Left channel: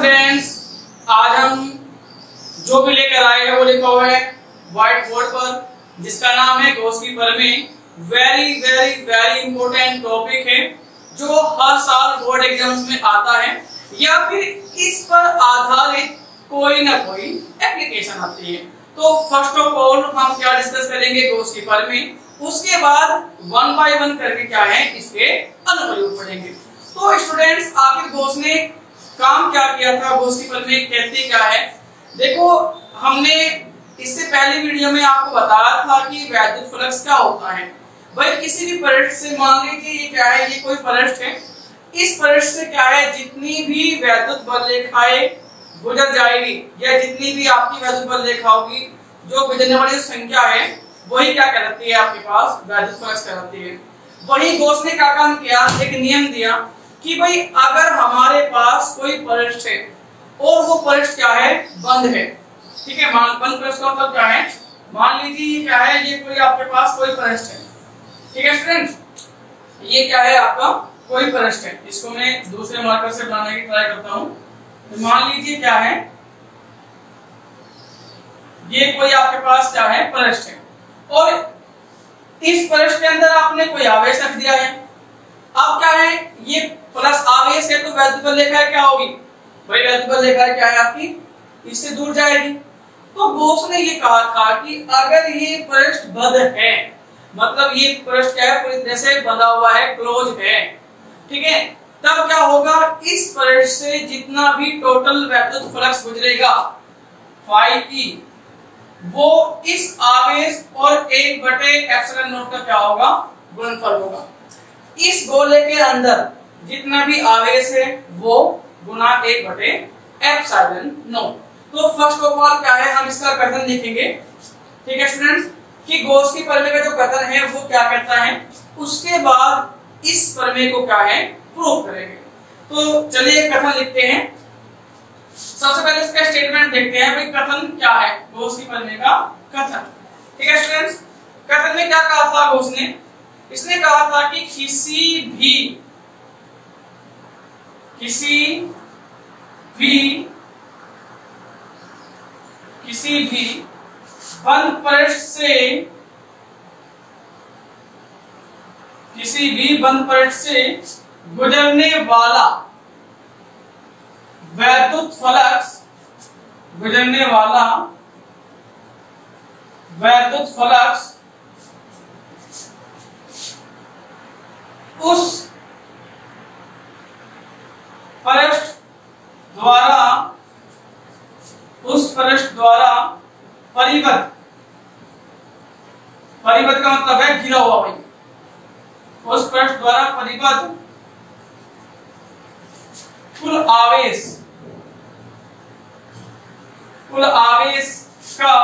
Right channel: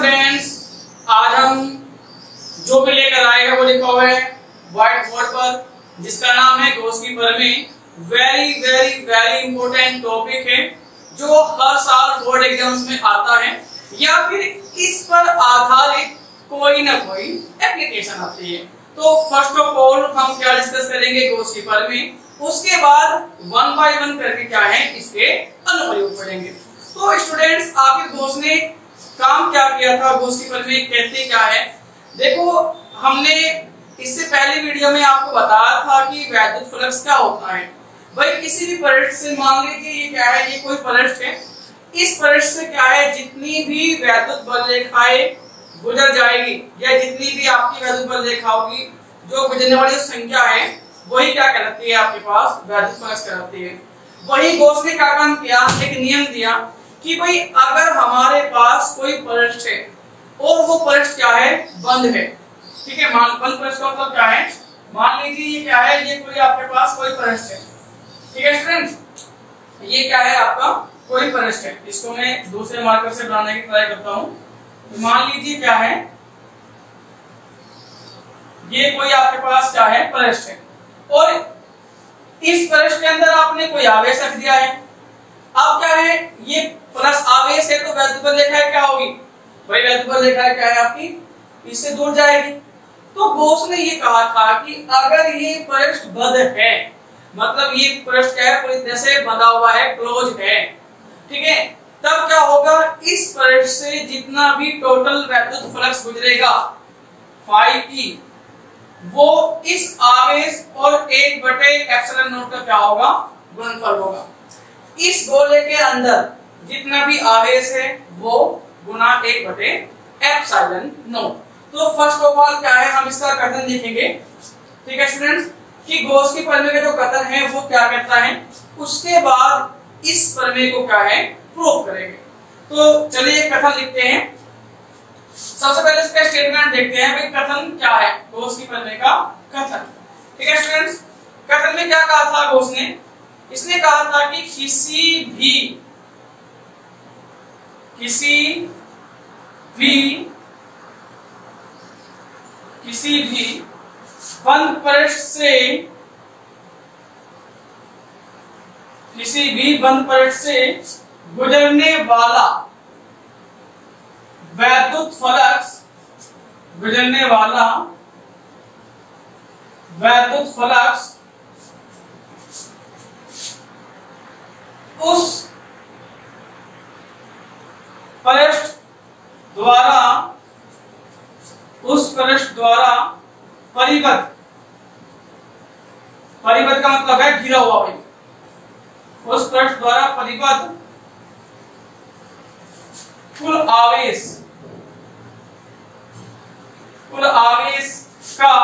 Students, आज हम जो भी लेकर आए हैं वो लिखा हुआ है व्हाइट बोर्ड पर, जिसका नाम है गॉस की प्रमेय। Very very very important topic है जो हर साल बोर्ड एग्जाम्स में आता है या फिर इस पर आधारित कोई ना कोई एप्लीकेशन आती है। तो फर्स्ट ऑफ ऑल हम क्या डिस्कस करेंगे गॉस की प्रमेय, उसके बाद वन बाय वन करके क्या है इसके अनुप्रयोग पढ़ेंगे। तो स्टूडेंट्स, आखिर गॉस ने काम क्या किया था, गॉस की प्रमेय कहती क्या है। देखो, हमने इससे पहले वीडियो में आपको बताया था कि वैद्युत फ्लक्स क्या होता है। भाई किसी भी पृष्ठ से, मान लीजिए ये क्या है, ये कोई पृष्ठ है, इस पृष्ठ से क्या है जितनी भी वैद्युत बल रेखाएं गुजर जाएगी या जितनी भी आपकी वैद्युत बल रेखा होगी, जो गुजरने वाली संख्या है वही क्या कहलाती है, आपके पास वैद्युत फ्लक्स कहलाती है। वही गॉस ने क्या काम किया, एक नियम दिया कि भाई अगर हमारे पास कोई पृष्ठ है और वो पृष्ठ क्या है, बंद है, ठीक है। बंद पृष्ठ का मतलब क्या है, मान लीजिए ये क्या है, ये कोई आपके पास कोई पृष्ठ है, ठीक है स्टूडेंट्स, ये क्या है आपका कोई पृष्ठ है। इसको मैं दूसरे मार्कर से बनाने की ट्राई करता हूं। तो मान लीजिए क्या है, ये कोई आपके पास क्या है पृष्ठ है और इस पृष्ठ के अंदर आपने कोई आवेश रख दिया है। अब क्या है, ये प्लस आवेश है तो वैद्युत बल रेखा क्या होगी, भाई वैद्युत बल रेखा क्या है आपकी, इससे दूर जाएगी। तो गॉस ने ये कहा था कि अगर ये पृष्ठ बद्ध है, मतलब ये पृष्ठ क्या है, पूरी तरह से बंधा हुआ है, क्लोज है, ठीक है, तब क्या होगा, इस पृष्ठ से जितना भी टोटल वैद्युत फ्लक्स गुजरेगा फाई ई, वो इस आवेश और 1/ε0 का क्या होगा, गुणनफल होगा। इस गोले के अंदर जितना भी आवेश है वो गुना 1/ε0। तो फर्स्ट ऑफ ऑल क्या है, हम इसका कथन लिखेंगे, ठीक है स्टूडेंट्स, कि गॉस की प्रमेय का जो कथन है वो क्या कहता है, उसके बाद इस प्रमेय को क्या है प्रूफ करेंगे। तो चलिए कथन लिखते हैं। सबसे पहले इसका स्टेटमेंट देखते हैं, भाई कथन क्या है गॉस की प्रमेय का कथन, ठीक है स्टूडेंट्स। कथन में क्या कहा था गॉस ने, इसने कहा था कि किसी भी बंद पृष्ठ से गुजरने वाला वैद्युत फ्लक्स उस पृष्ठ द्वारा परिबद्ध का मतलब है घिरा हुआ, भाई उस पृष्ठ द्वारा परिबद्ध कुल आवेश का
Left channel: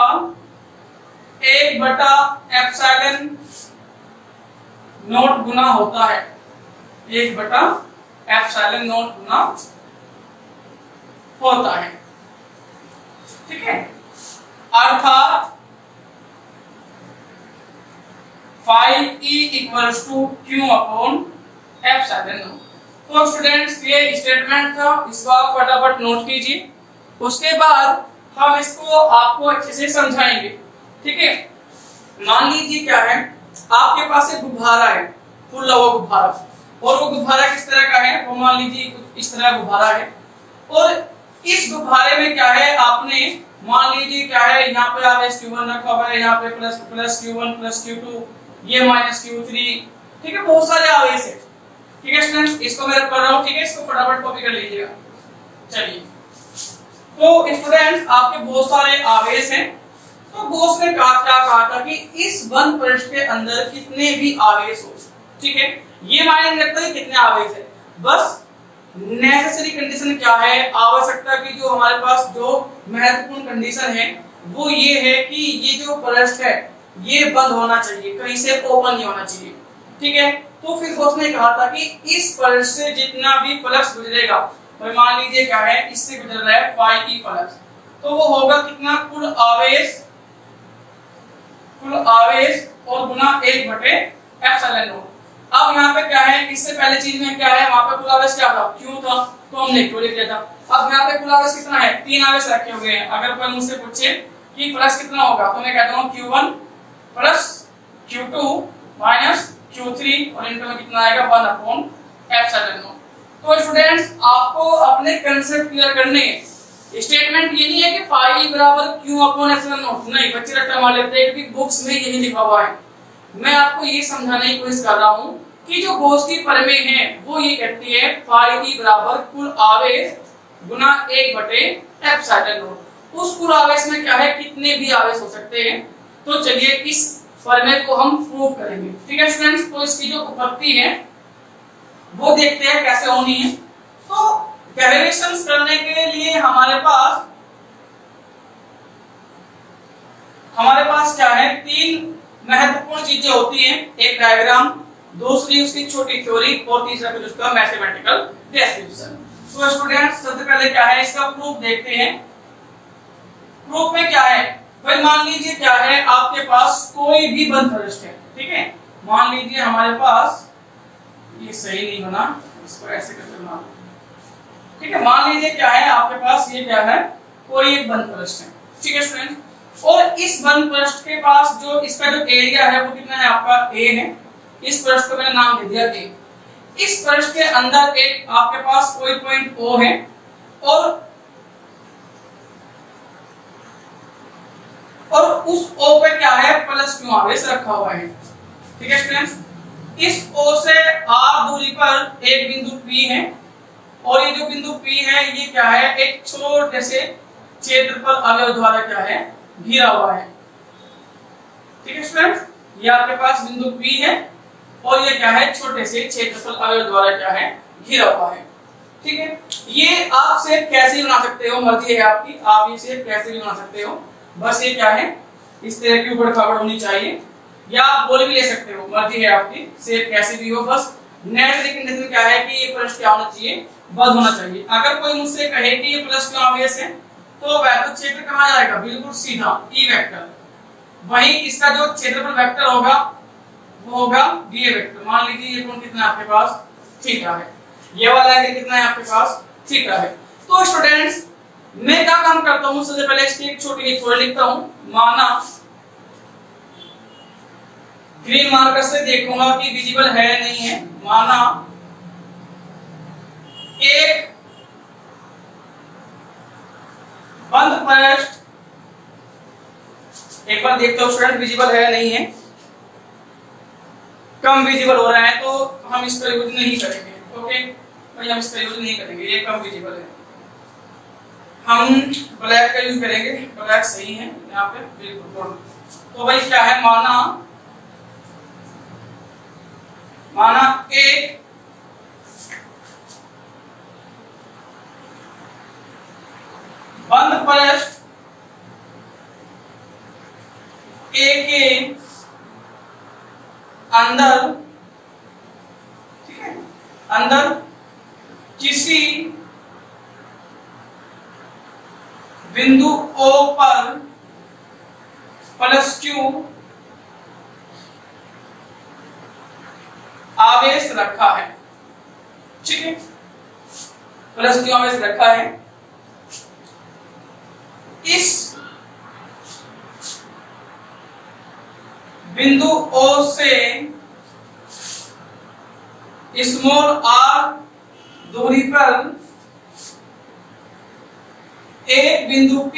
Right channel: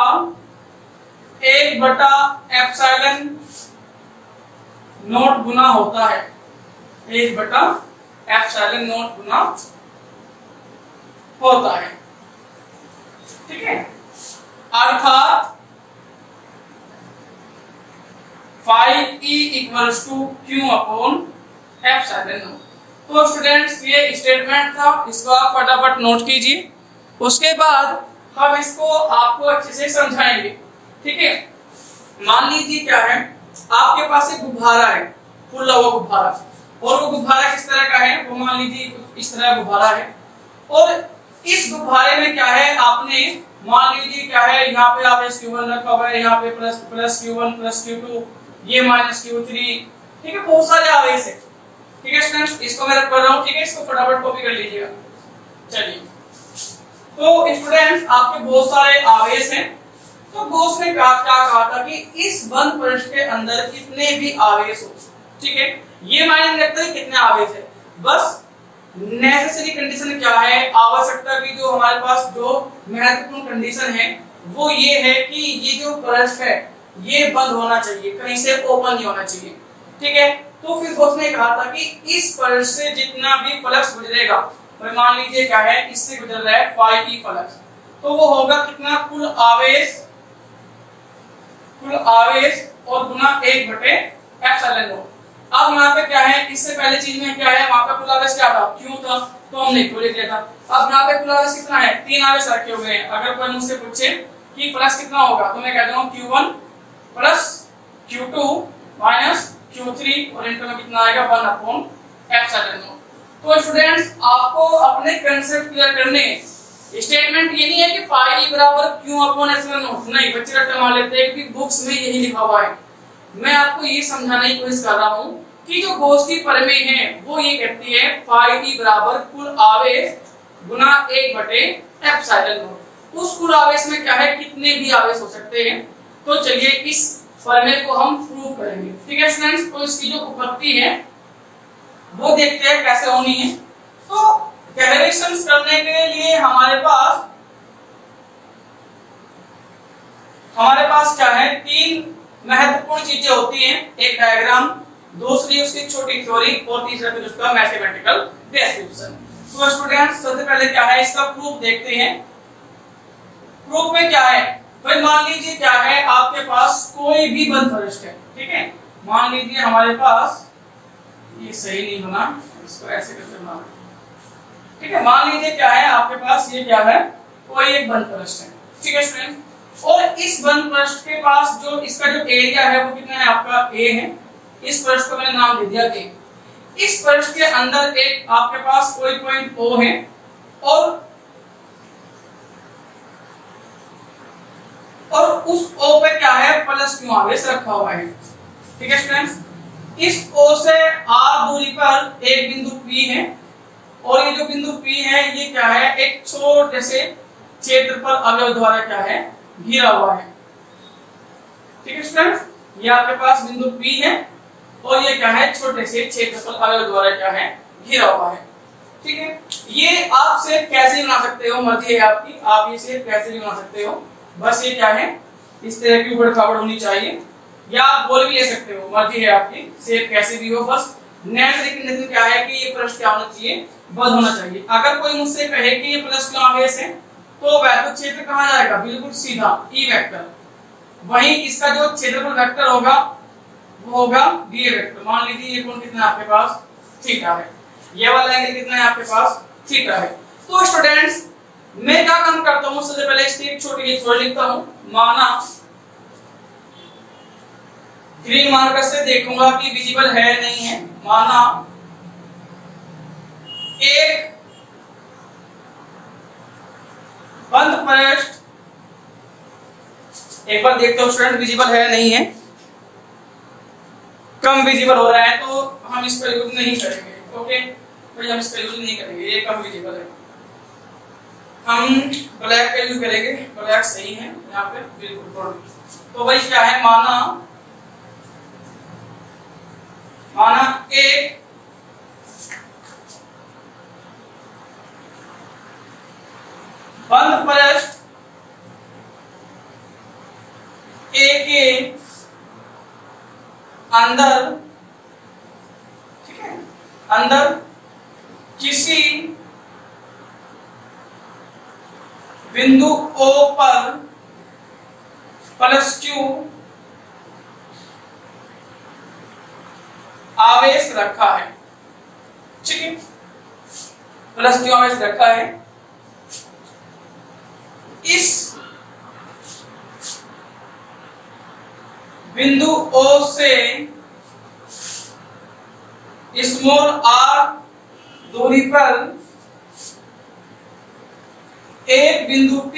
1/ε0 गुना होता है, 1/ε0 गुना होता है, ठीक है। अर्थात phi E equals to Q/ε0। तो स्टूडेंट्स, ये स्टेटमेंट था, इसको आप फटाफट नोट कीजिए। उसके बाद हम इसको आपको अच्छे से समझाएंगे, ठीक है। मान लीजिए क्या है, आपके पास एक गुब्बारा है, फुल्ला हुआ गुब्बारा, और वो गुब्बारा किस तरह का है, वो मान लीजिए इस तरह गुब्बारा है, और इस गुब्बारे में क्या है, आपने मान लीजिए क्या है, यहाँ पे आवेश Q1 रखा हुआ है, यहाँ पे प्लस Q1 प्लस Q2, ये माइनस Q3, ठीक है, बहुत सारे आवेश है, ठीक है स्टूडेंट्स। इसको मैं रख कर रहा हूँ, ठीक है, इसको फटाफट कॉपी कर लीजिएगा। चलिए, तो स्टूडेंट्स आपके बहुत सारे आवेश हैं। तो गॉस ने क्या कहा था कि इस बंद पृष्ठ के अंदर कितने भी आवेश हो, ठीक है, ये मायने नहीं रखता है कितने आवेश है, बस नेसेसरी कंडीशन क्या है, आवश्यकता की जो हमारे पास जो महत्वपूर्ण कंडीशन है वो ये है कि ये जो पृष्ठ है ये बंद होना चाहिए, कहीं से ओपन नहीं होना चाहिए, ठीक है। तो फिर गॉस ने कहा था कि इस पृष्ठ से जितना भी फ्लक्स गुजरेगा, तो मान लीजिए क्या है, इससे गुजर रहा है फाई ई फ्लक्स, तो वो होगा कितना, कुल आवेश और गुना 1/ε0। अब यहाँ पे क्या है, इससे पहले चीज में क्या है, वहां पे कुल आवेश क्या था, क्यू था, तो हमने क्यू लिख लिया था। अब यहाँ पे कुल आवेश कितना है, 3 आवेश रखे हुए हैं। अगर कोई मुझसे पूछे कि फ्लक्स कितना होगा, तो मैं कह दूंगा Q1 plus Q2 minus Q3 और इंटर में कितना आएगा 1/ε0। तो स्टूडेंट्स आपको अपने कंसेप्ट क्लियर करने, स्टेटमेंट ये नहीं है कि फाई बराबर Q/ε0, नहीं बच्चे रट्टा मार लेते हैं क्योंकि बुक्स में यही लिखा हुआ है। मैं आपको ये समझाने की कोशिश कर रहा हूँ कि जो गोष्ठी परमेय है वो ये कहती है फाई बराबर कुल आवेश गुना 1/ε0। उस कुल आवेश में क्या है, कितने भी आवेश हो सकते हैं। तो चलिए इस प्रमेय को हम प्रूव करेंगे, ठीक है स्टूडेंट्स। तो इसकी जो उत्पत्ति है वो देखते हैं कैसे होनी है। तो कैलकुलेशंस करने के लिए हमारे पास क्या है, 3 महत्वपूर्ण चीजें होती हैं। एक डायग्राम, दूसरी उसकी छोटी थ्योरी और तीसरा फिर उसका मैथमेटिकल डिस्क्रिप्शन। तो स्टूडेंट्स सबसे पहले क्या है, इसका प्रूफ देखते हैं। प्रूफ में क्या है भाई, मान लीजिए क्या है, आपके पास कोई भी बंद पृष्ठ है, ठीक है। मान लीजिए हमारे पास, ये सही नहीं बना, इसको ऐसे करके बनाना, ठीक है। मान लीजिए क्या है, आपके पास ये क्या है, कोई एक बंद पृष्ठ है, ठीक है स्टूडेंट। और इस बंद पृष्ठ के पास जो इसका जो एरिया है वो कितना है, आपका A है। इस पृष्ठ को मैंने नाम दे दिया A। इस पृष्ठ के अंदर एक आपके पास कोई पॉइंट O है और उस O पे क्या है, प्लस Q आवेश रखा हुआ है, ठीक है स्टूडेंट्स। इस O से R दूरी पर एक बिंदु P है और ये जो बिंदु P है ये क्या है, एक छोटे से क्षेत्रफल अवयव द्वारा क्या है, घिरा हुआ है, ठीक है स्टूडेंट्स। ये आपके पास बिंदु P है और ये क्या है, छोटे से क्षेत्रफल अवयव द्वारा क्या है, घिरा हुआ है, ठीक है। ये आप शेप कैसे भी बना सकते हो, मर्जी है आपकी, आप ये शेप कैसे भी बना सकते हो। बस ये क्या है, इस तरह की ऊबड़ खाबड़ होनी चाहिए, या आप गोल भी ले सकते हो, मर्जी है आपकी, शेप कैसे भी हो। बस नेट कंडीशन क्या है कि ये पृष्ठ क्या होना चाहिए, बंद होना चाहिए। अगर कोई मुझसे कहे कि ये प्लस क्यों आवेश है, तो वैद्युत क्षेत्र कहाँ जाएगा, बिल्कुल सीधा E वेक्टर। वहीं इसका जो क्षेत्रफल वेक्टर होगा वो होगा DA वेक्टर। मान लीजिए ये कोण कितना है आपके पास, थीटा है, ये वाला एंगल कितना है आपके पास, थीटा है। तो स्टूडेंट्स मैं क्या काम करता हूँ, सबसे पहले इसकी एक छोटी थ्योरी लिखता हूँ। माना ग्रीन मार्कर से देखूंगा कि विजिबल है नहीं है। माना एक बंद पृष्ठ, एक बार देखता हूं स्टूडेंट विजिबल है नहीं है, कम विजिबल हो रहा है तो हम इसका यूज नहीं करेंगे, ओके। तो हम इसका यूज नहीं करेंगे, ये कम विजिबल है, हम ब्लैक का यूज करेंगे। ब्लैक सही है यहाँ पे बिल्कुल। तो भाई क्या है, माना एक बंद पृष्ठ A के अंदर, ठीक है, अंदर किसी बिंदु O पर प्लस Q आवेश रखा है, ठीक है, प्लस Q आवेश रखा है। इस बिंदु O से स्मॉल r दूरी पर एक बिंदु P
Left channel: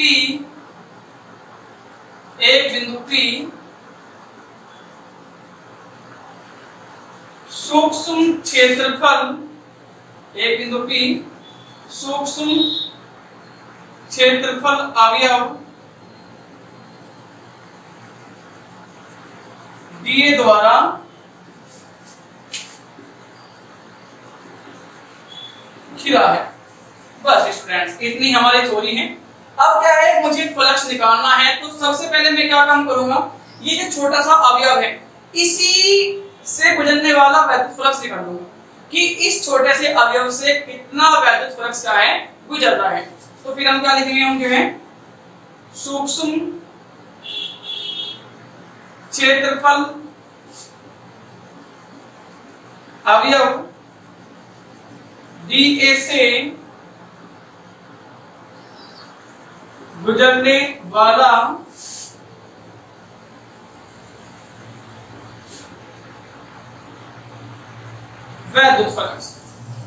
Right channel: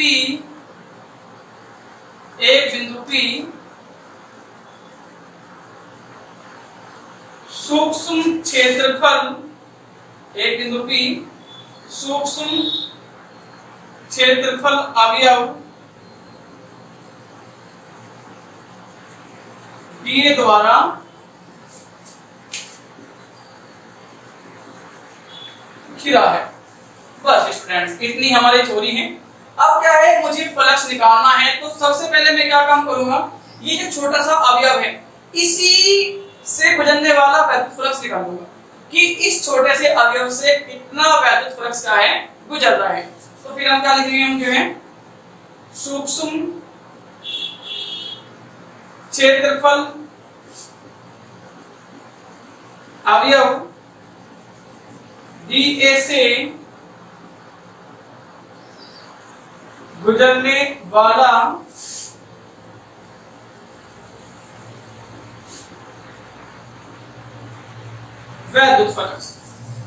सूक्ष्म क्षेत्रफल, एक बिंदु P सूक्ष्म क्षेत्रफल अवयव DA द्वारा घिरा है। बस स्टूडेंट्स इतनी हमारी थ्योरी है। अब क्या है, मुझे फ्लक्स निकालना है, तो सबसे पहले मैं क्या काम करूंगा, ये जो छोटा सा अवयव है इसी से गुजरने वाला वैद्युत फ्लक्स निकालूंगा कि इस छोटे से अवयव से कितना वैद्युत फ्लक्स क्या है, गुजर रहा है। तो फिर हम क्या लिखेंगे, हम जो है सूक्ष्म क्षेत्रफल अवयव DA से गुजरने वाला वैद्युत फ्लक्स।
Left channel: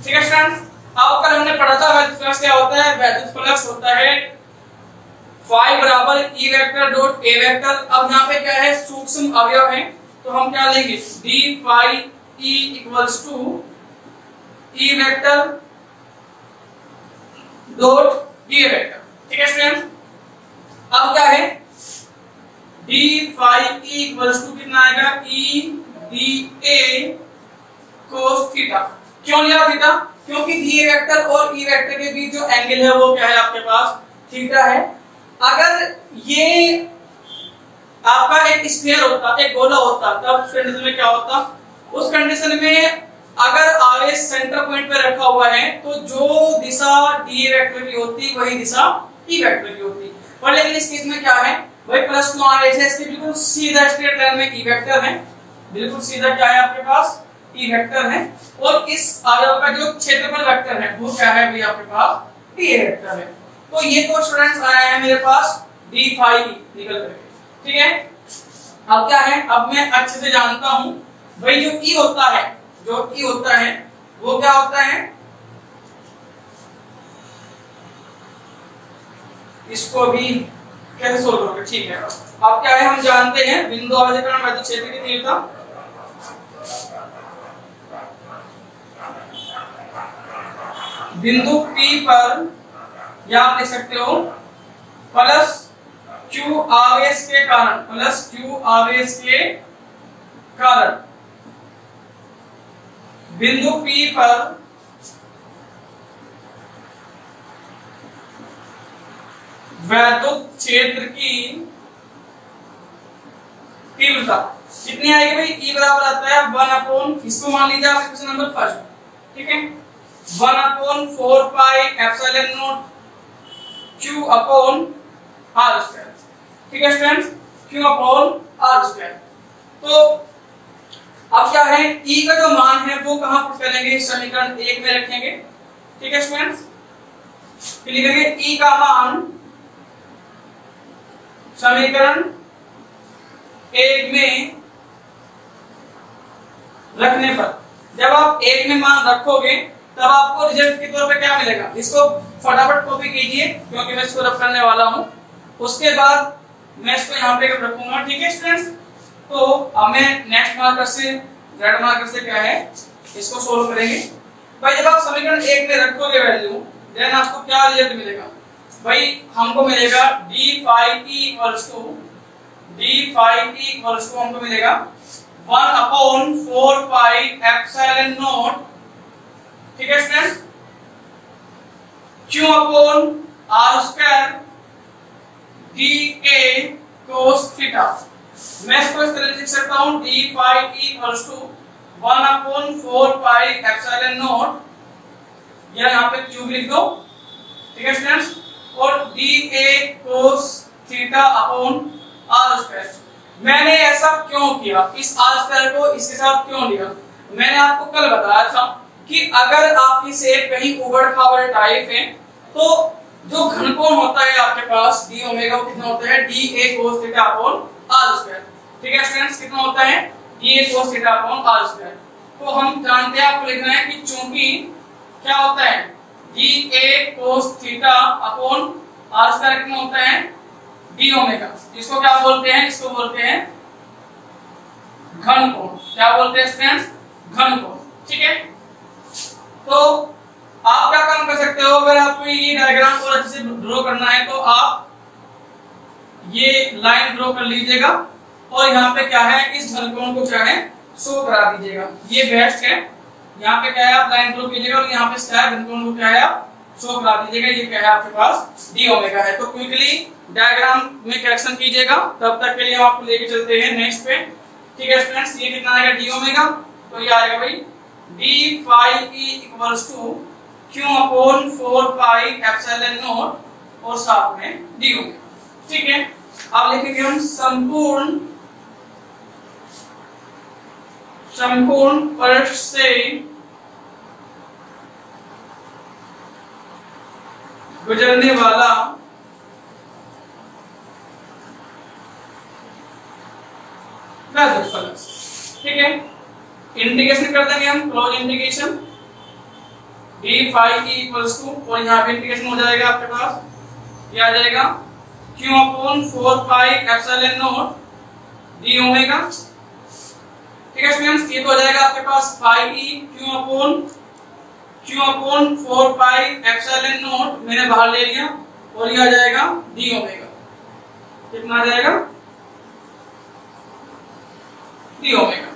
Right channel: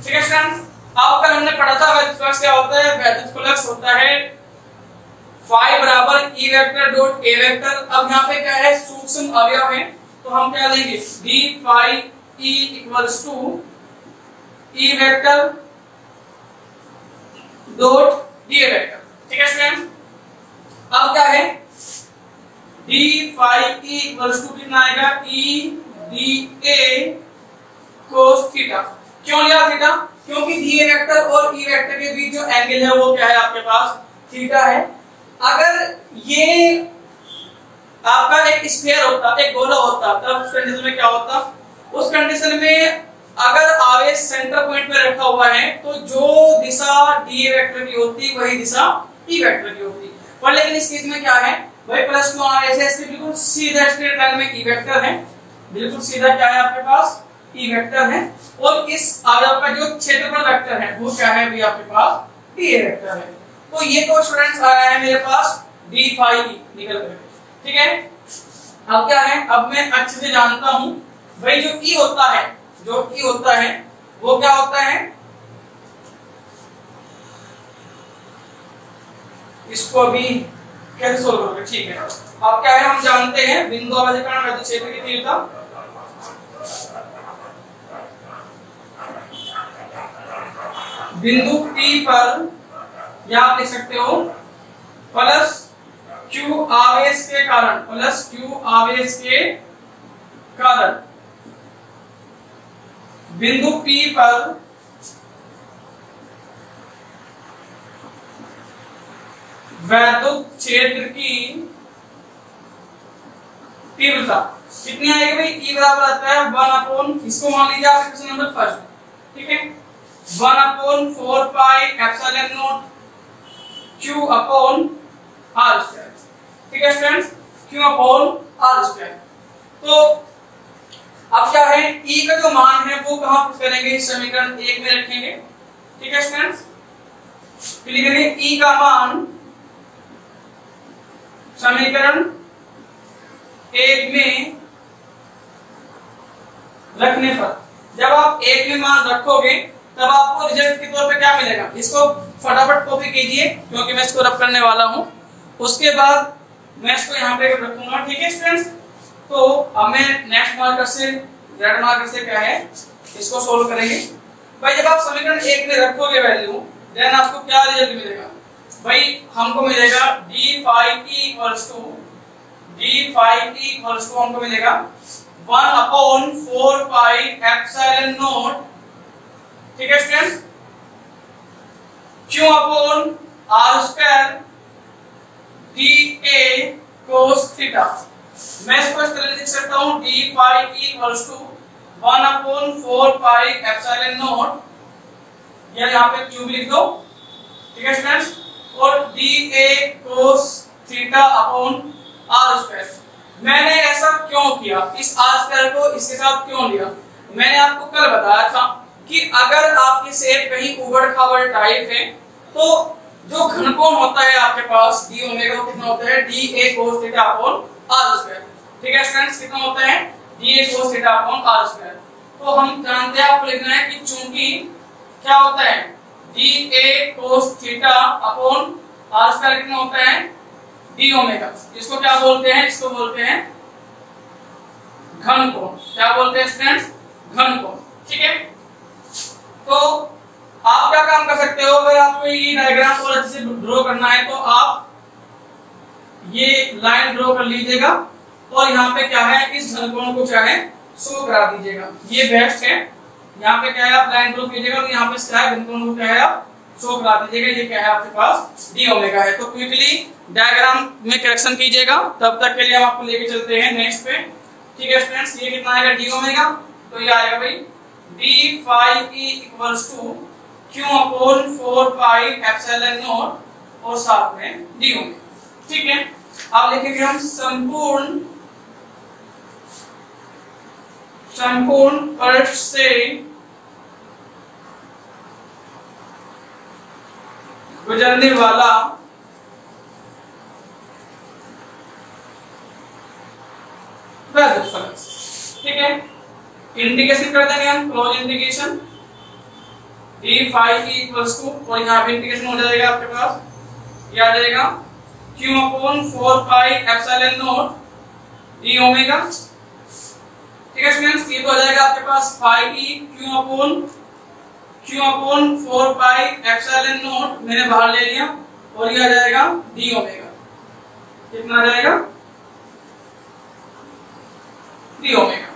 ठीक है स्टूडेंट्स, अब कल हमने पढ़ा था वैद्युत फ्लक्स क्या होता है। वैद्युत फ्लक्स होता है फाई बराबर ई वेक्टर डॉट ए वेक्टर। अब यहाँ पे क्या है, सूक्ष्म अवयव है, तो हम क्या लेंगे, d phi E equals to E vector dot d vector. ठीक है स्टूडेंट्स, अब क्या है, d phi E equals to कितना आएगा, E D A cos theta. क्यों लिया थीटा, क्योंकि डी वेक्टर और ई वेक्टर के बीच जो एंगल है वो क्या है आपके पास, थीटा है। अगर ये आपका एक स्फीयर होता, एक गोला होता, तब उस कंडीशन में क्या होता, उस कंडीशन में अगर आवेश सेंटर पॉइंट पे रखा हुआ है तो जो दिशा डी वेक्टर की होती वही दिशा ई वेक्टर की होती। पर लेकिन इस केस में क्या है भाई, प्लस टू आवेश है, इसके बिल्कुल सीधा स्ट्रेट लाइन में ई वेक्टर है, बिल्कुल सीधा क्या है आपके पास, ई वेक्टर है। और इस अवयव का जो क्षेत्रफल वेक्टर है वो क्या है भी आपके पास, डी वेक्टर है। तो ये तो स्टूडेंट्स आया है मेरे पास डी फाई निकल गए। ठीक है, अब क्या है, अब मैं अच्छे से जानता हूं भाई जो ई होता है, जो ई होता है वो क्या होता है, इसको भी कैसे सोल्व करोगे। ठीक है, अब क्या है, हम जानते हैं बिंदु अवधिकरण वैद्युत क्षेत्र की तीव्रता, बिंदु P पर या आप लिख सकते हो प्लस Q आवेश के कारण, प्लस Q आवेश के कारण बिंदु P पर वैद्युत क्षेत्र की तीव्रता कितनी आएगी भाई, E बराबर आता है 1/, इसको मान लीजिए आप क्वेश्चन नंबर फर्स्ट। ठीक है, 1/4 pi epsilon not Q upon R square. ठीक है students, Q upon R square. तो अब क्या है, E का जो मान है वो कहां पुट करेंगे, समीकरण 1 में रखेंगे। ठीक है स्टूडेंट्स, फिर लिखेंगे E का मान समीकरण 1 में रखने पर, जब आप 1 में मान रखोगे तब आपको रिजल्ट के तौर पे क्या मिलेगा, इसको फटाफट कॉपी कीजिए क्योंकि मैं इसको रब करने वाला हूं, उसके बाद मैं इसको यहाँ पे रखूंगा। ठीक है स्टूडेंट्स, तो अब मैं नेक्स्ट मार्कर से, रेड मार्कर से क्या है इसको सोल्व करेंगे। भाई जब आप समीकरण 1 में रखोगे वैल्यू, देन आपको क्या रिजल्ट मिलेगा भाई, हमको मिलेगा d phi E equals to, d phi E equals to हमको मिलेगा 1/4 पाई एप्सिलॉन नॉट, ठीक है students, Q upon R square d A cos theta. मैं इसको इस तरह लिख सकता हूं, d phi E equals to 1/4 pi epsilon naught, या यहाँ पे Q भी लिख दो। ठीक है स्टूडेंट्स, और D A cos theta upon R square. मैंने ऐसा क्यों किया, इस R स्क्वायर को इसके साथ क्यों लिया, मैंने आपको कल बताया था कि अगर आपकी सेट कहीं उबड़ खाबड़ टाइप है तो जो घनकोण होता है आपके पास डी ओमेगा कितना होता है, d A cos theta upon R square. ठीक है स्टूडेंट्स, कितना होता है, d A cos theta upon R square. तो हम जानते हैं, आपको लिखना है कि चूंकि क्या होता है, d A cos theta upon R square कितना होता है, डी ओमेगा। इसको क्या बोलते हैं, इसको बोलते हैं घनकोण। क्या बोलते हैं स्टूडेंट्स, घनकोण। ठीक है, तो आप क्या काम कर सकते हो, अगर आपको ये डायग्राम को अच्छे से ड्रॉ करना है तो आप ये लाइन ड्रॉ कर लीजिएगा और यहाँ पे क्या है, इस घनकोण को क्या है शो करा दीजिएगा, ये बेस्ट है। यहाँ पे क्या है, आप लाइन ड्रॉ कीजिएगा और यहाँ पे क्या है, घनकोण को क्या है आप शो करा दीजिएगा, ये क्या है आपके पास डी ओमेगा है। तो क्विकली डायग्राम में करेक्शन कीजिएगा, तब तक के लिए हम आपको लेके चलते हैं नेक्स्ट पे। ठीक है स्टूडेंट्स, ये कितना आएगा डी ओमेगा, तो ये आएगा भाई d phi E equals to Q upon 4 pi epsilon naught और साथ में डी ओमेगा। ठीक है, अब लिखेंगे हम समकोण पृष्ठ से गुजरने वाला वैद्युत फ्लक्स। ठीक है, इंटीग्रेशन कर देंगे हम, close integration d phi equals to, और यहाँ पे इंटीग्रेशन हो जाएगा आपके पास, ये आ जाएगा q upon 4 pi epsilon not d omega. ठीक है स्टूडेंट्स, ये तो आ जाएगा आपके पास phi e q upon 4 pi epsilon not मैंने बाहर ले लिया, और ये आ जाएगा d ओमेगा। कितना आ जाएगा? d omega.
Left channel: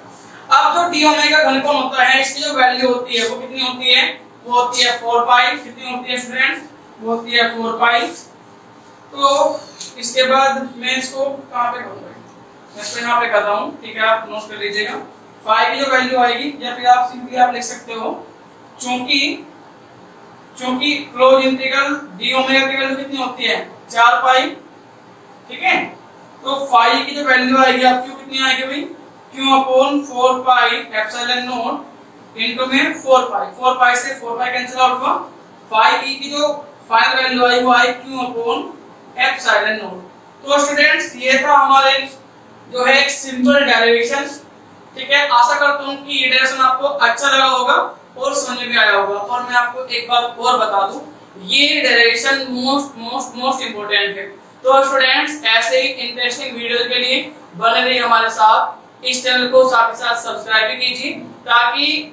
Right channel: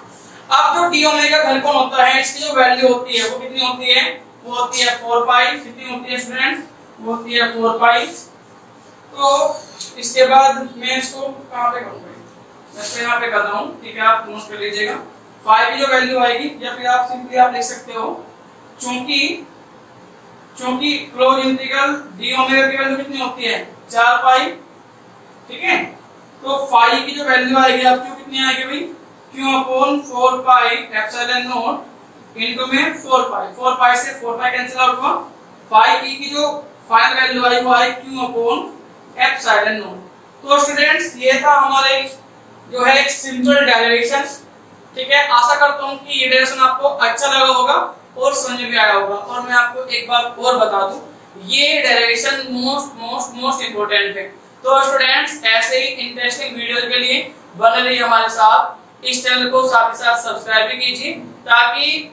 अब जो d ओमेगा घनकोण होता है, इसकी जो वैल्यू होती है वो कितनी होती है? वो होती है 4 पाई। कितनी होती है स्टूडेंट्स? वो होती है 4 पाई। तो इसके बाद मैं इसको कहां पे करूंगा? मैं इसको यहाँ पे करता हूँ। ठीक है, आप नोट कर लीजिएगा। फाई की जो वैल्यू आएगी, या फिर आप सिंपली आप लिख सकते हो, चूंकि क्लोज इंटीग्रल डी ओमेगा की वैल्यू कितनी होती है? 4 पाई। ठीक है, तो फाई की जो वैल्यू आएगी आपकी वो कितनी आएगी भाई? q upon 4 pi epsilon not into में 4 पाई। 4 पाई से 4 पाई कैंसिल आउट हुआ। फाई ई की जो फाइनल वैल्यू आई वो आई q अपॉन एप्सिलॉन नॉट। तो स्टूडेंट्स, ये था हमारे जो है एक सिंपल डेरिवेशन। ठीक है, आशा करता हूँ कि ये डेरिवेशन आपको अच्छा लगा होगा और समझ में आया होगा। और मैं आपको एक बात और बता दूं, ये डेरिवेशन मोस्ट इंपोर्टेंट है। तो स्टूडेंट्स, ऐसे ही इंटरेस्टिंग वीडियो के लिए बने रहिए हमारे साथ। इस चैनल को साथ ही साथ सब्सक्राइब भी कीजिए, ताकि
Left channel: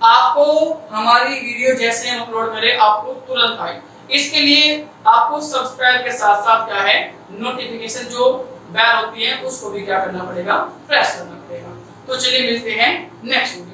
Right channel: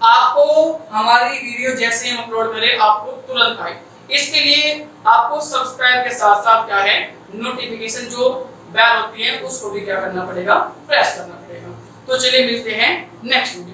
आपको हमारी वीडियो जैसे हम अपलोड करें आपको तुरंत आए। इसके लिए आपको सब्सक्राइब के साथ साथ क्या है, नोटिफिकेशन जो बेल होती है उसको भी क्या करना पड़ेगा? प्रेस करना पड़ेगा। तो चलिए मिलते हैं नेक्स्ट वीडियो।